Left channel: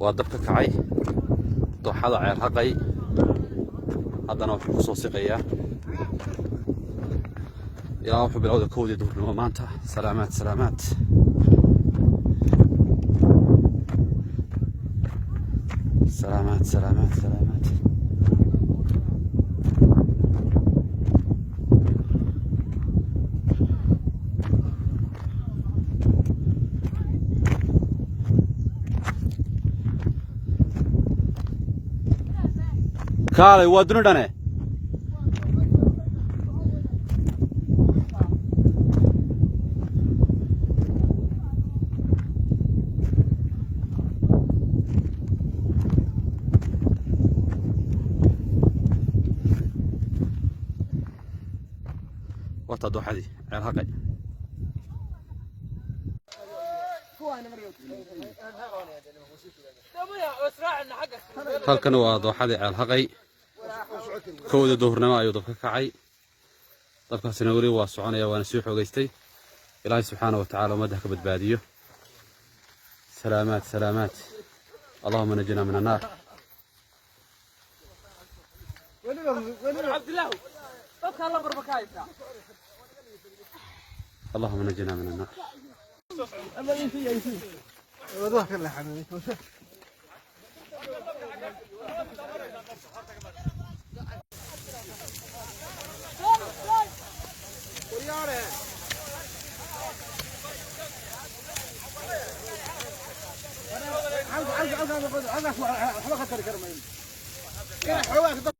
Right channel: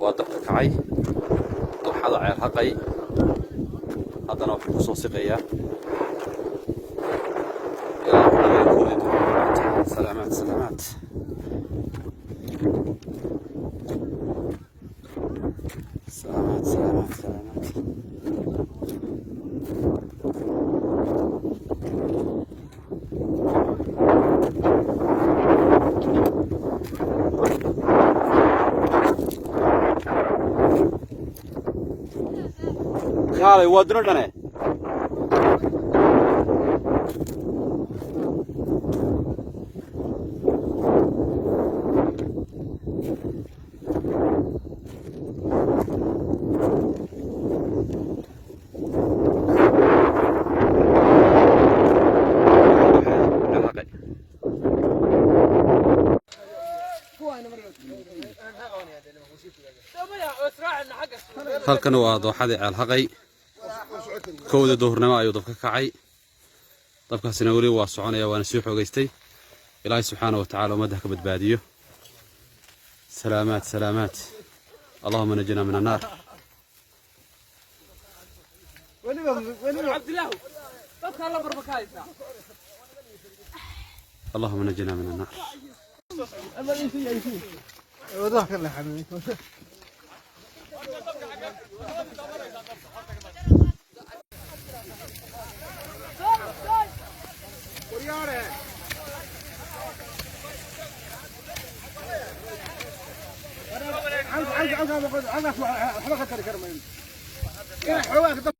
ودبك كعي ضحى عير هقي هذا أنا في خصوص قيا إلى حلقة كودي سلامات سلامات سلامات سلامات سلامات كاري ودنو دني halkan waa dooxadii ceel haqay kowda duhurnimo ayuu dabka kacay dabkaasina wali waa soconaya waana sii xogeystay ilaahay subxaanahu wa ta'aala ummadda ka badbaadiyo salaamaat salaamaat allahumma najina min an-nar اللهم نجنا من النار